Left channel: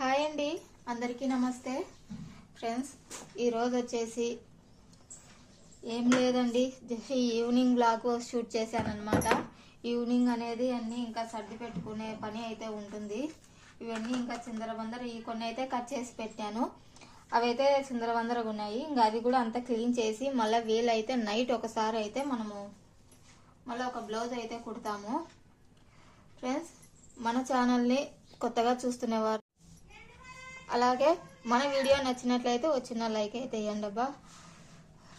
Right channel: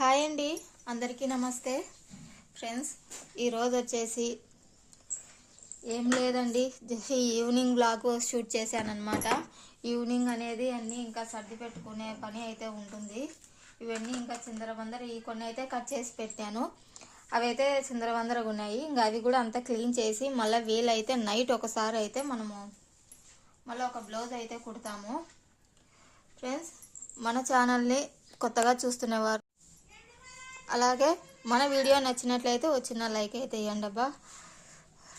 Hi అండి, అందరికీ నమస్తే ఫ్రెండ్స్. ఈరోజు వచ్చేసి ఏం లేదండి, ఈవినింగ్ బ్లాగ్ షూట్ చేశానమాట. ఈవినింగ్ అనేది అన్నీ ఇంకా సర్ది పెట్టుకునే పని అయితే ఉంటుంది. ఇవన్నీ ఇంకా చిందరబందర, ఈ కొన్ని అయితే కట్ చేసి పెట్టాను. అవైతే చిందరబందరగా ఉన్నాయి. ఇంకా అవి కూడా అంతా క్లీన్ చేసి మళ్ళీ వీలైతే నైట్ ఒకసారి అయితే మనము మళ్ళీ ఒక బ్లౌజ్ అయితే కుడతాము. ఫ్రెండ్స్, మన ఛానల్ని కొత్తగా చూస్తున్నవారు అలాగే మన వీడియో నచ్చినట్లయితే వచ్చిన లైక్ అయితే ఇవ్వండి అబ్బా.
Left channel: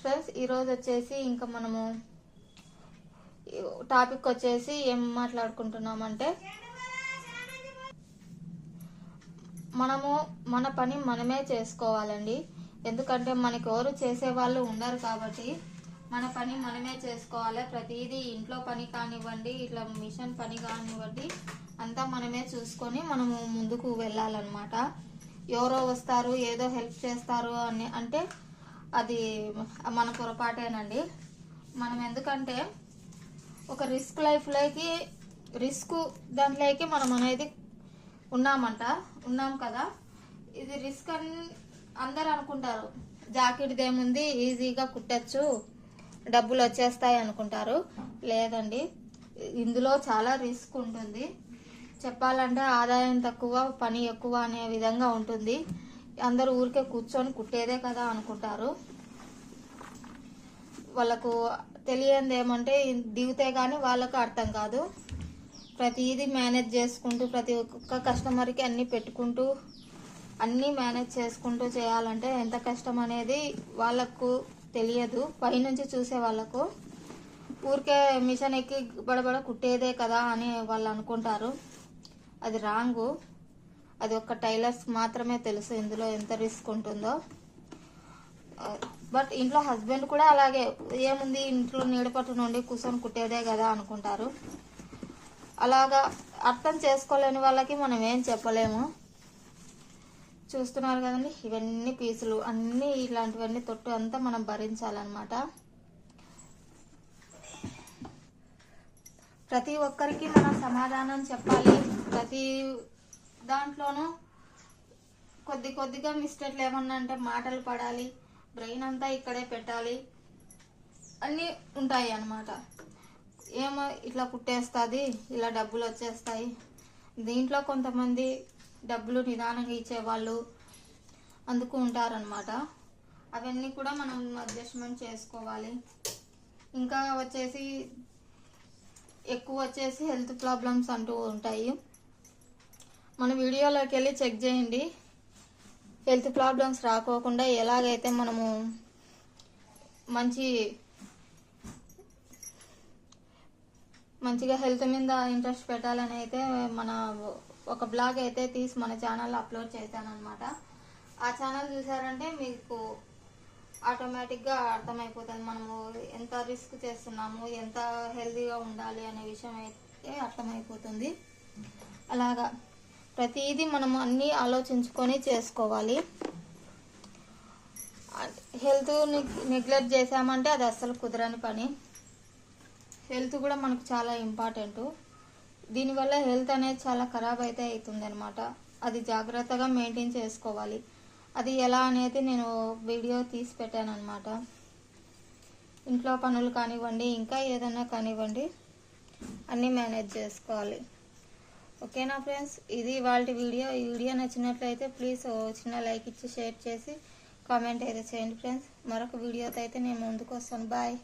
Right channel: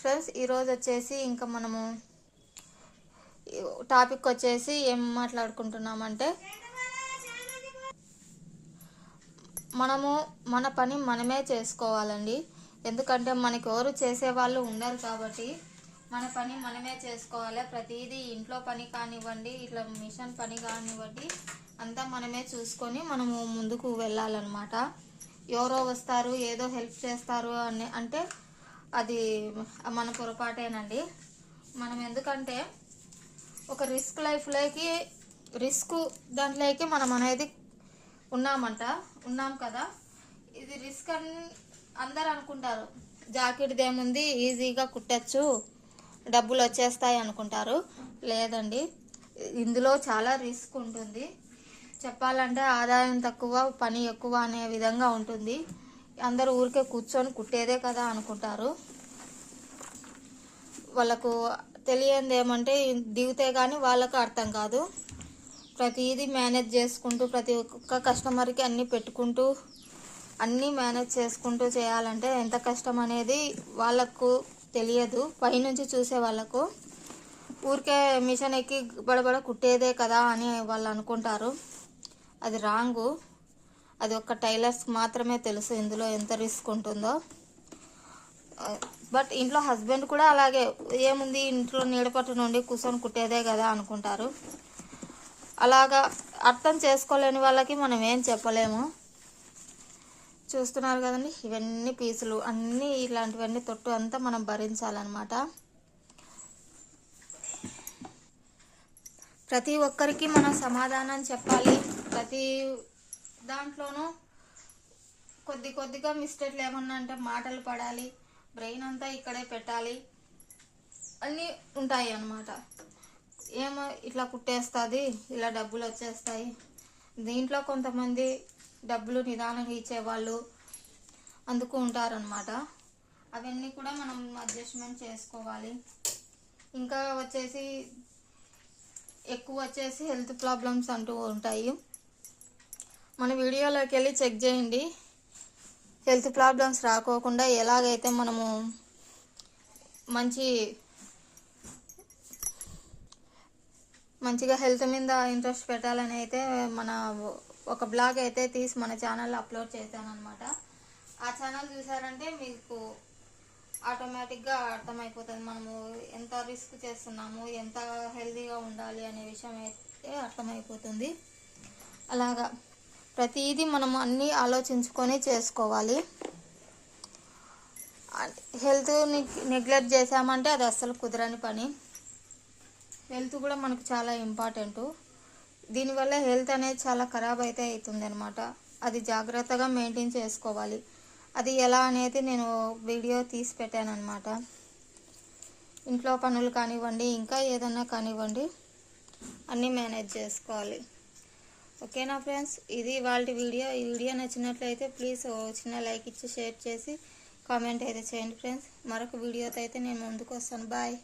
ఫ్రెండ్స్, ఈరోజు వచ్చేసి ఇంకా మనము టాపిక్ వచ్చేసి ఏం మాట్లాడుకుంటున్నామంటే, మనము మన పని మనమే చేసుకోవాలండి. ఎందుకంటే మనకి ఎవరు చేసేవాళ్ళు ఉండరు కాబట్టి మన పని మనమే చేసుకోవాలి. ప్రతిదీ ఇంట్లో పని కానివ్వండి, ఇట్లా మిషన్ పని కానివ్వండి, అంతా మనమే చూసుకొని మనము ముందుకు వెళ్ళాలన్నమాట. ఎవరో వస్తారు, ఏదో హెల్ప్ చేస్తారు అని అంటే అది మన పొరపాటేనండి. మనం ఎందుకంటే ఒక రిస్క్ దాంట్లోకి మనం అనేది ఉన్నాం కదా. ఇది రిస్క్ అని అందరు అనుకుంటారు. జాకెట్ ఏముంది, ఈజీగా కుట్టచ్చు, డబ్బులు వచ్చేస్తాయి అనుకుంటారు. లేదండి, ఇందులో చాలా రిస్క్ ఉంటుంది. చెప్పాలంటే ఆదాయం తక్కువ, పని ఎక్కువ అనే విధంగా ఉంటుంది. అందరూ ఊరికే కూర్చొని కుట్టేదే కదా అనుకుంటారు. వాళ్ళకు తెలియంది ఏమంటే దిగితే కానీ వాళ్ళకు అర్థం కాదు. ప్రతిదీ మేనేజ్ చేసుకుంటూ, ప్రతి ఒక్క కస్టమర్కి అన్నీ పెట్టుకుంటూ, అన్నీ మేనేజ్ చేసుకుంటూ చేయాలంటే ఎంత కష్టం అనేది వాళ్ళకు తెలియదు. పైనుంచి చూసే వాళ్ళకు ఊరికే మిషన్ ఎక్కి బడబడ కుట్టేదే కదా అని వాళ్ళు అనుకుంటారు. అది రాంగు. అది ఒక టైలర్స్ మాత్రమే తెలుసు ఇందులో ఎంత రిస్క్ ఉంటుందో. బట్ ఇంట్లో హస్బెండ్ కూడా అలాగే, ఏముంది ఇంట్లో నీడపట్టు నుండి కూర్చొని కుట్టేదే కదా అనుకుంటారు. అలాగా అర్థం చేసుకోలేని వాళ్ళకి మనం ఏం చెప్పలేము. చూస్తున్నారు కదండి, ఇవన్నీ పీసులు అన్నీ ఇలాంటివన్నీ తొట్టు అంతా మనం భరించాలన్నమాట. ప్రతి ఒక్కరికి మనం సమాధానం చెప్పాలి. ప్రతి దాంట్లోనూ కొద్దిగా మిస్టేక్లు ఏమన్నా అంటే మాటలు పడాలి, బ్రెయిన్ అంతా ఇక్కడే పెట్టాలి, అన్నీ ఉంటాయి అన్నమాట. ఏమో ఇట్లా కుట్టేస్తుంది, ఇలా డబ్బులు వచ్చేస్తాయి. దీంట్లో కొంతమంది డబ్బులు నిదానంగా ఇచ్చేవాళ్ళు అందుకు ఉంటారనమాట. అవన్నీ కూడా మనం అడ్జస్ట్మెంట్ చేసుకోవాలి. ఇంకా వచ్చేసి ఎక్కువ వచ్చేసి హెల్త్ ప్రాబ్లమ్స్ అంటూ ఉంటాయి. మన వీడియోలోకి వెళ్ళి చెక్ చేయండి. హెల్త్ ప్రాబ్లమ్స్ రాకోకుండా ఎలాగైతే మనము మంచిగా హెల్త్ మీద ఇంట్రెస్ట్ పెట్టాలని అయితే మన ఒక బ్లాగ్ అయితే తీసి మన ఛానల్లో అప్లోడ్ చేశానమాట. ఆ ఛానల్ చూసారంటే మీకు ఆటోమేటిక్గా అర్థమైపోతుంది మనము ఎంత రిస్క్ చేస్తున్నాము, ఎంత హెల్తీగా ఉండాలి అనే విషయం అయితే అర్థమైపోతుంది. అలాగా ప్రతిదీ మనం అన్నీ ఆలోచించుకొని చేసుకోవాలి. హెల్త్ నెగ్లెక్ట్ చేసామంటే అది అస్సలు కుదరని పని. హెల్త్ కూడా మనకు చాలా ఇంపార్టెంట్. దీనివల్ల హెల్త్ అనేది చాలా ఖరాబ్ అయితే అవుతుంది అనమాట. అది జాగ్రత్తగా మెయింటైన్ చేసుకోవాలి. అది ఎలా అనేది నేను వీడియో తీసి పెట్టాను అనమాట. ఇంట్లో పనులు కానివ్వండి, ఇంకా ఏదైనా కానివ్వండి, అన్నీ మేనేజ్ చేసుకోవాలి. ఓకేనా ఫ్రెండ్స్, ఇది వాళ్ళ వీడియో. ఈ వీడియో నచ్చినట్లయితే ప్లీజ్ చిన్న లైక్ ఇచ్చి షేర్ చేసి కామెంట్ అయితే చేయండి ఫ్రెండ్స్. మరొక వీడియోతో అయితే నేను ముందుకు వస్తాను. బాయ్.